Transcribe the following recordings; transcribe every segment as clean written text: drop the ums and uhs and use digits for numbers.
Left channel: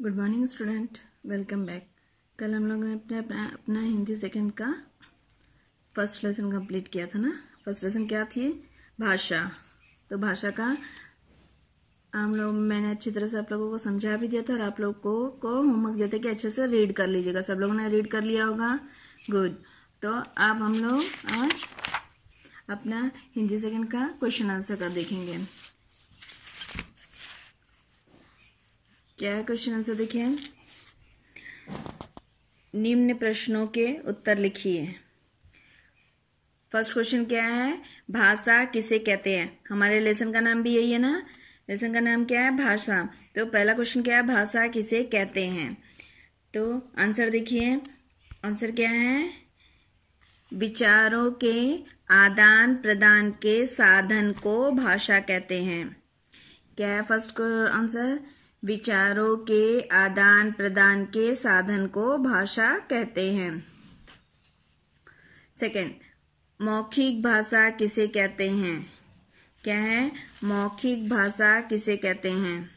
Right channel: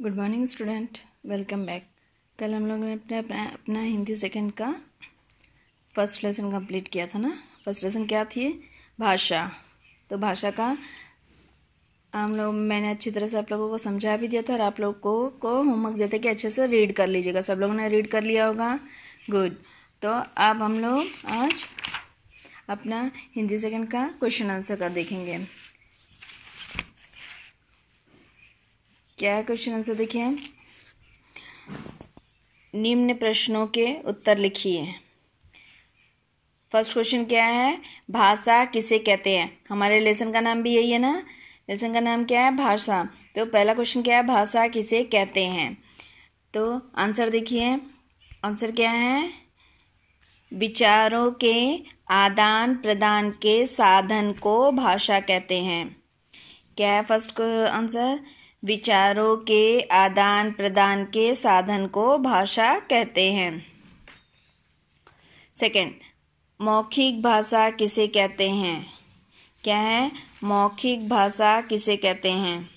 Good morning student, welcome back. कल हम लोगों ने अपना हिंदी सेकंड का फर्स्ट लेसन कंप्लीट किया था ना। फर्स्ट लेसन क्या थी? भाषा। तो भाषा का मैंने अच्छी तरह से आप लोगों को समझा भी दिया था और आप लोगों को होमवर्क देते कि अच्छे से रीड कर लीजिएगा। सब लोगों ने रीड कर लिया होगा। गुड। तो अब हम लोग आज अपना हिंदी सेकंड का क्वेश्चन आंसर का देखेंगे। क्या है क्वेश्चन आंसर? देखिए, निम्न प्रश्नों के उत्तर लिखिए। फर्स्ट क्वेश्चन क्या है? भाषा किसे कहते हैं? हमारे लेसन का नाम भी यही है ना। लेसन का नाम क्या है? भाषा। तो पहला क्वेश्चन क्या है? भाषा किसे कहते हैं। तो आंसर देखिए, आंसर क्या है? विचारों के आदान प्रदान के साधन को भाषा कहते हैं। क्या है फर्स्ट आंसर? विचारों के आदान प्रदान के साधन को भाषा कहते हैं। सेकंड, मौखिक भाषा किसे कहते हैं? क्या है? मौखिक भाषा किसे कहते हैं?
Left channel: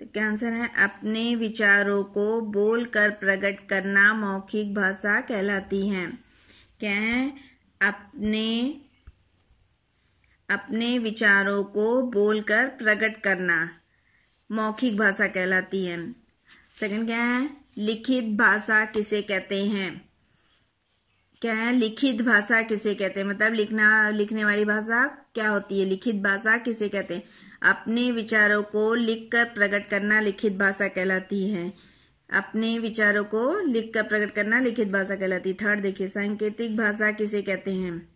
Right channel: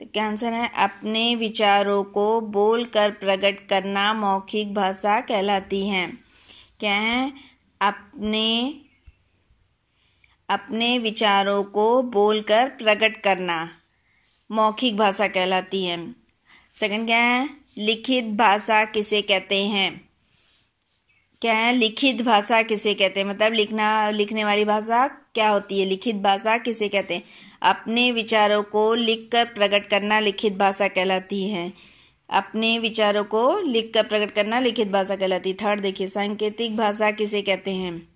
तो क्या आंसर है? अपने विचारों को बोलकर प्रकट करना मौखिक भाषा कहलाती है। क्या है? अपने विचारों को बोलकर प्रकट करना मौखिक भाषा कहलाती है। सेकंड क्या है? लिखित भाषा किसे कहते हैं? क्या है? लिखित भाषा किसे कहते हैं? मतलब लिखने वाली भाषा क्या होती है? लिखित भाषा किसे कहते हैं? अपने विचारों को लिखकर प्रकट करना लिखित भाषा कहलाती है। अपने विचारों को लिखकर प्रकट करना लिखित भाषा कहलाती है। थर्ड देखिए, सांकेतिक भाषा किसे कहते हैं?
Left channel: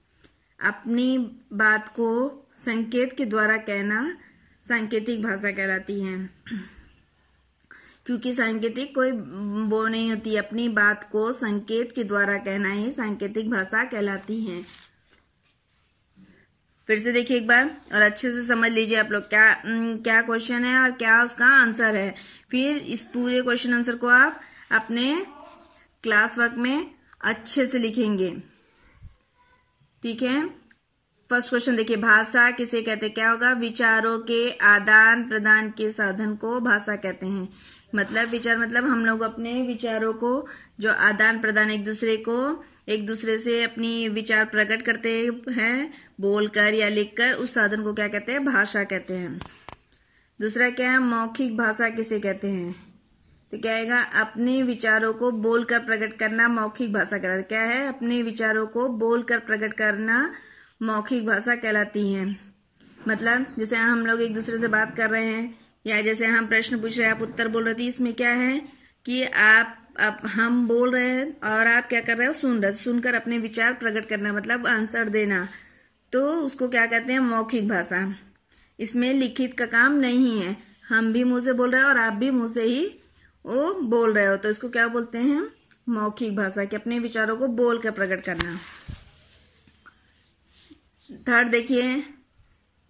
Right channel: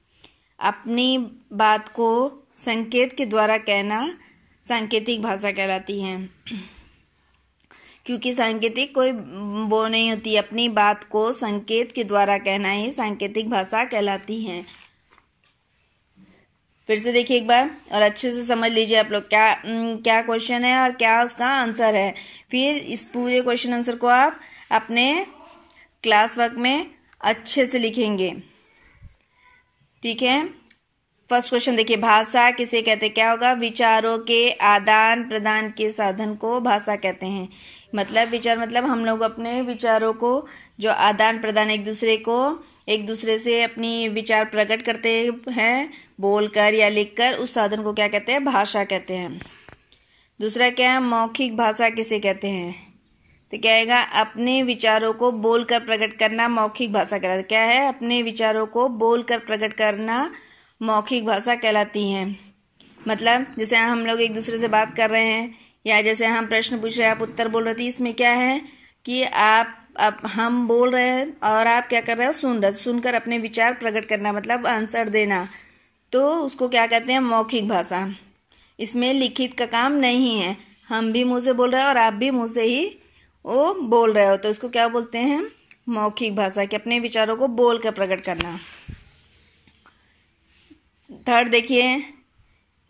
अपनी बात को संकेत के द्वारा कहना सांकेतिक भाषा कहलाती है। क्योंकि सांकेतिक कोई वो नहीं होती, अपनी बात को संकेत के द्वारा कहना ही सांकेतिक भाषा कहलाती है। फिर से देखिए एक बार और अच्छे से समझ लीजिए आप लोग क्या क्वेश्चन है और क्या उसका आंसर है। फिर इस पूरे क्वेश्चन आंसर को आप अपने क्लास वर्क में अच्छे से लिखेंगे। ठीक है। फर्स्ट क्वेश्चन देखिए, भाषा किसे कहते हैं? क्या होगा? विचारों के आदान प्रदान के साधन को भाषा कहते हैं। मतलब विचार मतलब हम लोग अपने विचारों को जो आदान प्रदान एक दूसरे से अपनी विचार प्रकट करते हैं बोलकर या लिखकर, उस साधन को क्या कहते हैं? भाषा कहते हैं। दूसरा क्या है? मौखिक भाषा किसे कहते हैं? तो क्या आएगा? अपने विचारों को बोलकर प्रकट करना मौखिक भाषा कहलाती है। क्या है? अपने विचारों को बोलकर प्रकट करना मौखिक भाषा कहलाती है। मतलब जैसे हम लोग एक दूसरे से बात कर रहे हैं या जैसे हम प्रश्न पूछ रहे हैं, आप उत्तर बोल रहे थे, इसमें क्या है कि हम बोल रहे हैं और आप क्या कर रहे हो? सुन रहे। सुनकर अपने विचार प्रकट करना मतलब आंसर देना, तो उसको क्या कहते हैं? मौखिक भाषा। इसमें लिखित का काम नहीं है, हम भी मुंह से बोल रहे हैं और आप भी मुंह से ही वो बोल रहे हो, तो इसको क्या बोलते हैं? मौखिक भाषा, कि अपने विचारों को बोल कर प्रकट करना। थर्ड देखिए,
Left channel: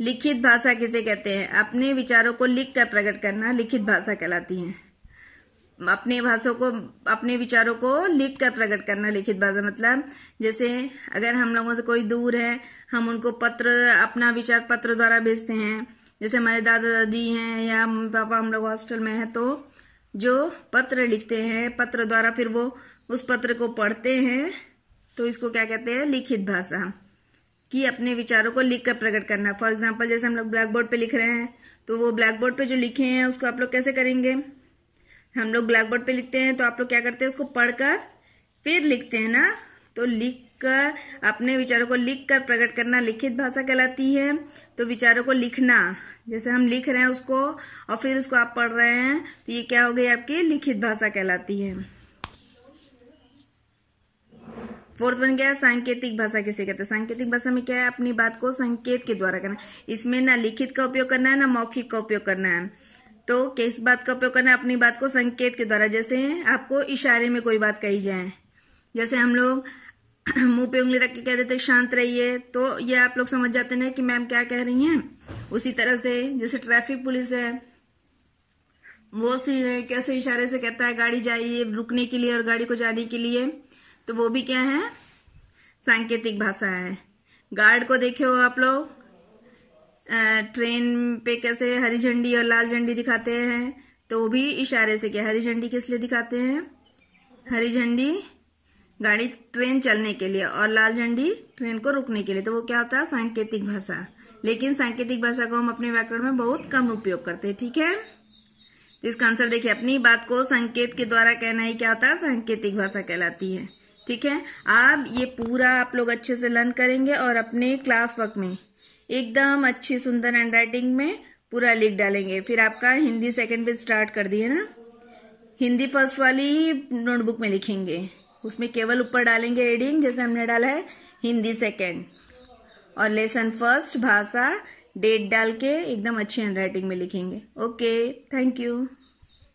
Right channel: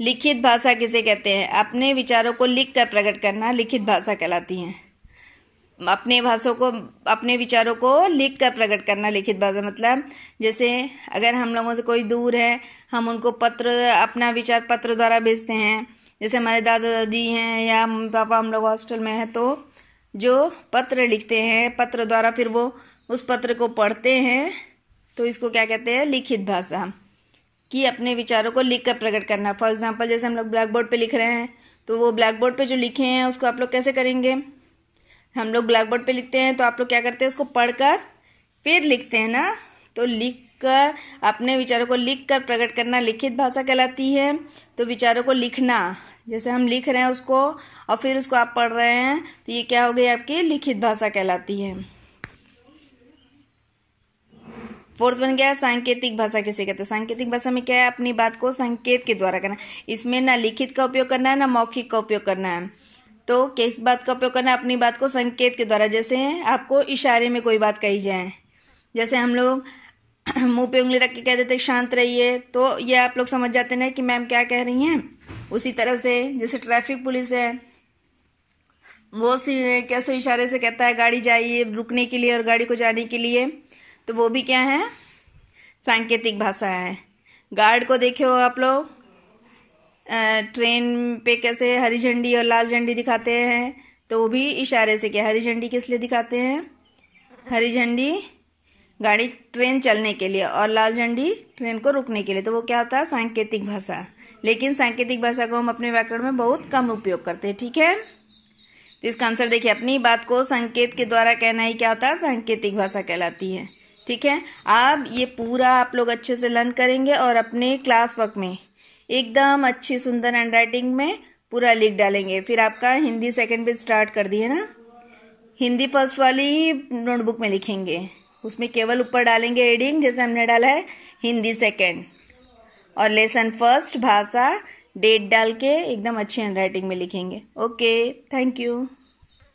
लिखित भाषा किसे कहते हैं? अपने विचारों को लिख कर प्रकट करना लिखित भाषा कहलाती है। अपने विचारों को लिख कर प्रकट करना लिखित भाषा। मतलब जैसे अगर हम लोगों से कोई दूर है, हम उनको अपना विचार पत्र द्वारा भेजते हैं। जैसे हमारे दादा दादी हैं या मम्मी पापा, हम लोग हॉस्टल में हैं, तो जो पत्र लिखते हैं पत्र द्वारा, फिर वो उस पत्र को पढ़ते हैं, तो इसको क्या कहते हैं? लिखित भाषा। कि अपने विचारों को लिख कर प्रकट करना। फॉर एग्जाम्पल जैसे हम लोग ब्लैक बोर्ड पे लिख रहे हैं, तो वो ब्लैक बोर्ड पे जो लिखे हैं उसको आप लोग कैसे करेंगे? हम लोग ब्लैक बोर्ड पे लिखते हैं तो आप लोग क्या करते हैं? उसको पढ़कर फिर लिखते हैं ना। तो लिखकर अपने विचारों को लिख कर प्रकट करना लिखित भाषा कहलाती है। तो विचारों को लिखना, जैसे हम लिख रहे हैं उसको और फिर उसको आप पढ़ रहे हैं, तो ये क्या हो गई? आपकी लिखित भाषा कहलाती है। फोर्थ वन क्या है? सांकेतिक भाषा किसे कहते हैं? सांकेतिक भाषा में क्या है? अपनी बात को संकेत के द्वारा करना। इसमें ना लिखित का उपयोग करना है ना मौखिक का उपयोग करना है। तो किस बात का उपयोग करना है? अपनी बात को संकेत के द्वारा। जैसे आपको इशारे में कोई बात कही जाए, जैसे हम लोग मुंह पे उंगली रख के कह देते शांत रहिए, तो ये आप लोग समझ जाते हैं कि मैम क्या कह रही हैं। उसी तरह से जैसे ट्रैफिक पुलिस है, वो कैसे इशारे से कहता है गाड़ी जाइए रुकने के लिए और गाड़ी को जाने के लिए, तो वो भी क्या है? सांकेतिक भाषा है। गार्ड को देखो आप लोग, ट्रेन पे कैसे हरी झंडी और लाल झंडी दिखाते हैं, तो वो भी इशारे से किया। हरी झंडी किस लिए दिखाते हैं? हरी झंडी गाड़ी ट्रेन चलने के लिए और लाल झंडी ट्रेन को रुकने के लिए। तो वो क्या होता है? सांकेतिक भाषा। लेकिन सांकेतिक भाषा को हम अपने व्याकरण में बहुत कम उपयोग करते हैं, ठीक है। तो इसका आंसर देखिए, अपनी बात को संकेत के द्वारा कहना ही क्या होता है? सांकेतिक भाषा कहलाती है, ठीक है। अब ये पूरा आप लोग अच्छे से लर्न करेंगे और अपने क्लास वर्क में एकदम अच्छी सुंदर हैंडराइटिंग में पूरा लिख डालेंगे। फिर आपका हिंदी सेकंड पे स्टार्ट कर दिए ना, हिंदी फर्स्ट वाली नोटबुक में लिखेंगे, उसमें केवल ऊपर डालेंगे हेडिंग, जैसे हमने डाला है हिंदी सेकंड, और लेसन फर्स्ट भाषा डेट डाल के एकदम अच्छी हैंडराइटिंग में लिखेंगे। Okay, thank you.